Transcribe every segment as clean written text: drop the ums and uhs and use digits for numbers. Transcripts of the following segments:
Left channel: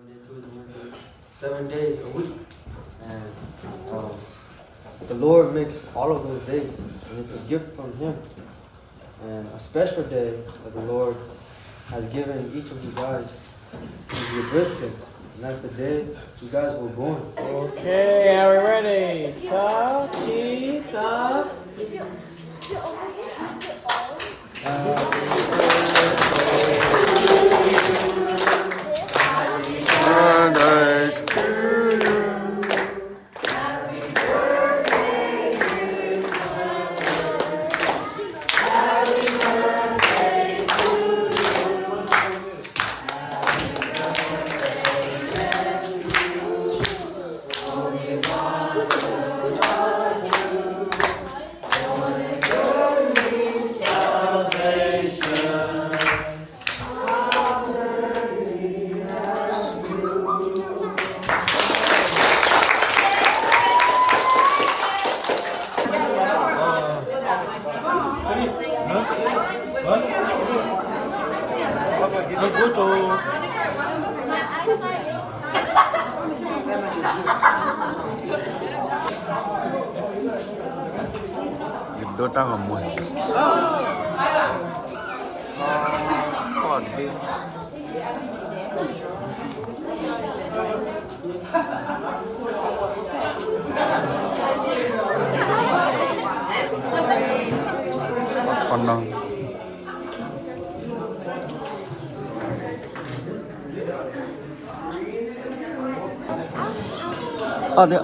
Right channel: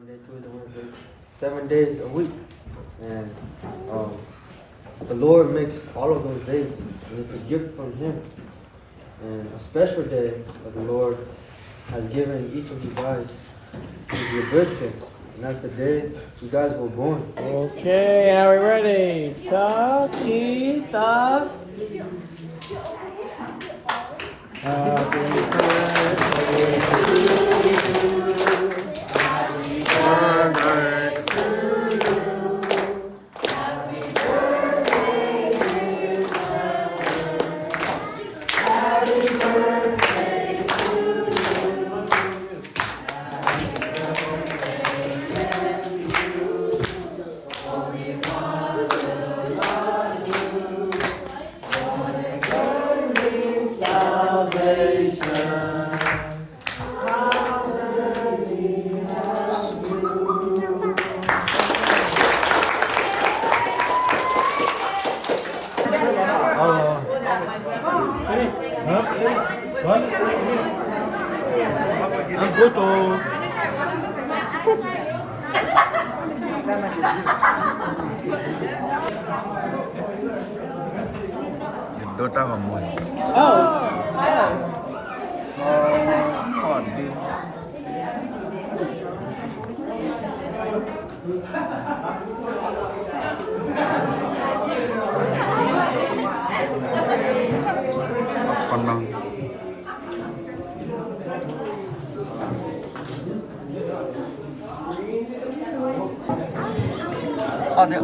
Monday, Tuesday, Wednesday, 7 days a week. And the Lord makes all of those days, and it's a gift from Him. And a special day that the Lord has given each of you guys is your birthday. And that's the day you guys were born. Okay, are we ready? Stop, stop. Dota ngomong. Coding. Apa nang? Ada.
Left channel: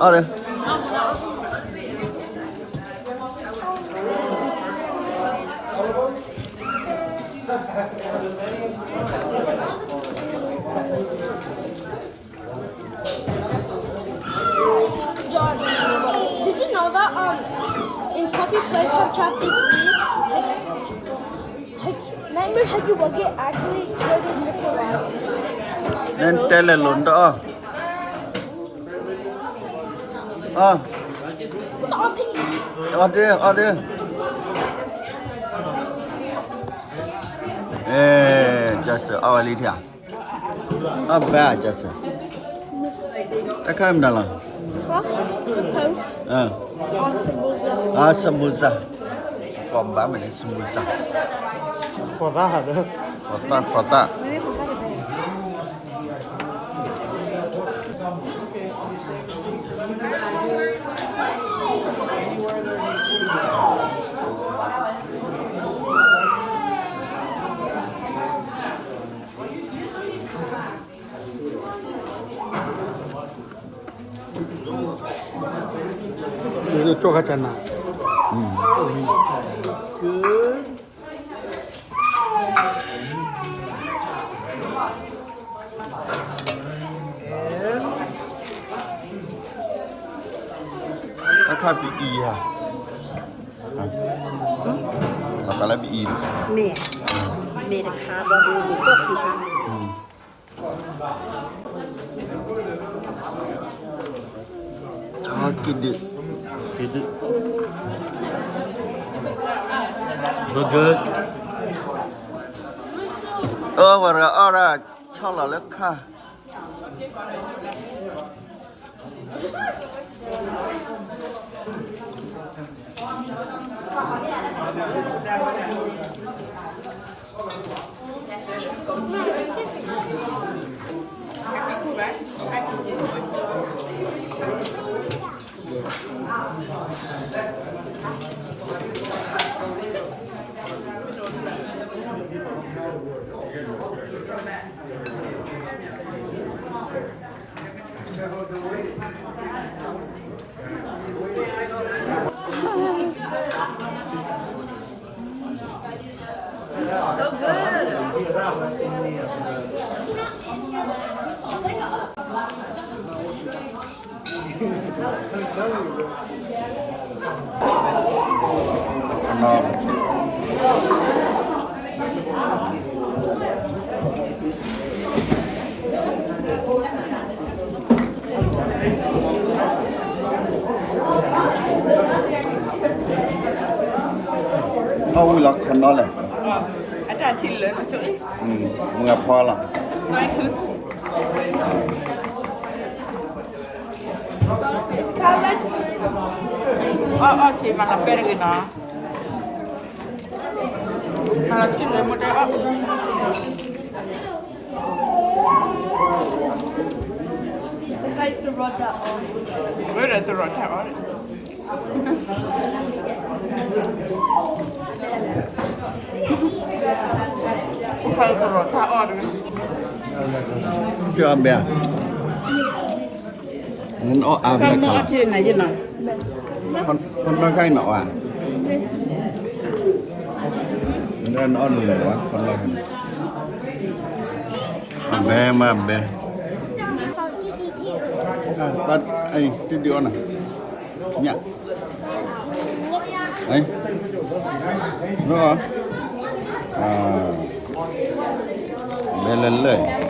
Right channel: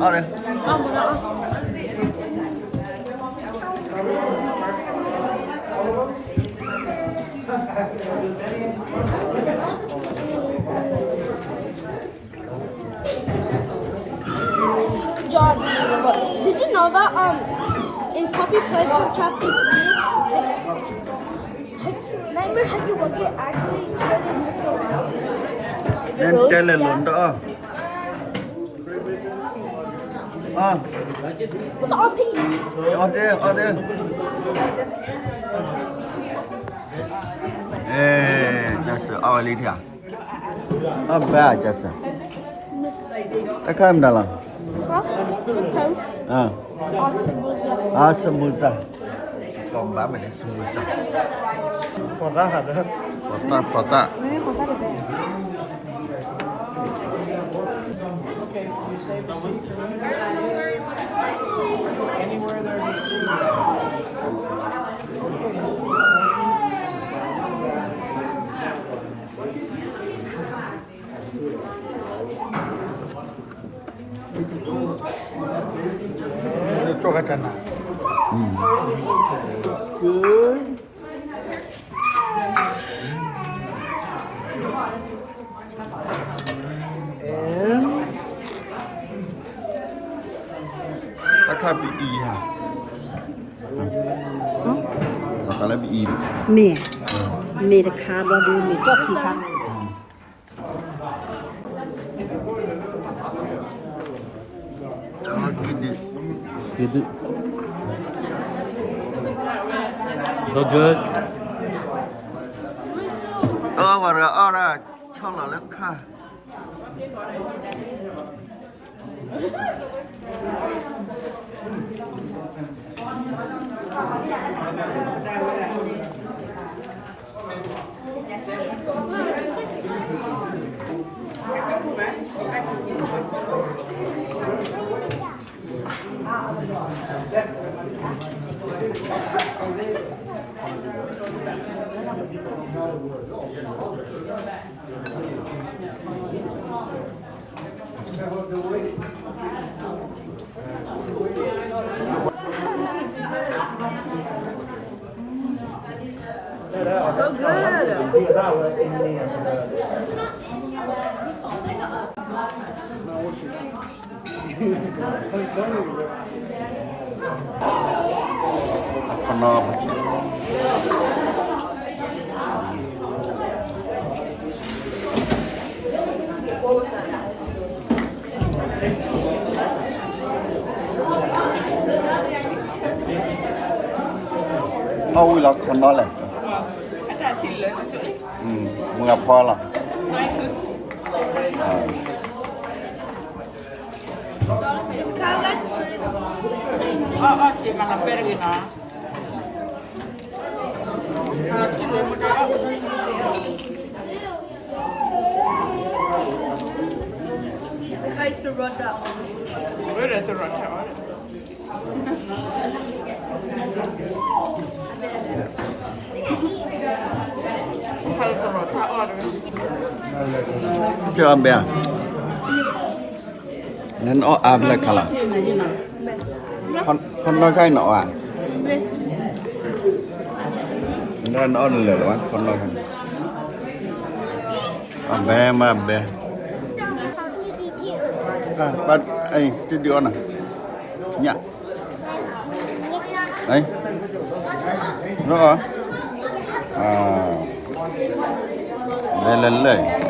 John, did you know that in Puppy Playtime Chapter 3, Nightmare Huggy Wuggy actually killed Mr. Wildly? Then tell a lunda. It's all Piggy. Ada. Just our little. Bad, just. I come down. Huh? Good time. Samosa. Còn bả mình samosa. Kota. Maybe we'll get it there. Anywhere there's a city. Good. Ta khai bị y hả? Ta lại bị y. เนี่ยเนี่ยจะคาดว่าดูมีจบสิคะ Cho kid. So good. Vào ra cho là lớp kha. So good. Ngon. Ôi là con đó này.มึงกับพ่อหรอ si mana pergi no. Kalau si dia muda. I used to run that. Where is the rota? Kalau the rota order. Chưa bè. Nên ó à bè cả. Trên này chứ nào. Con nó sai nọ à? Nên nó lửa quá, con nó không. À bè mà bè. À, bạn ấy trên đi on à? Nhạ. Đấy. Nó à? À. Lên lên lên.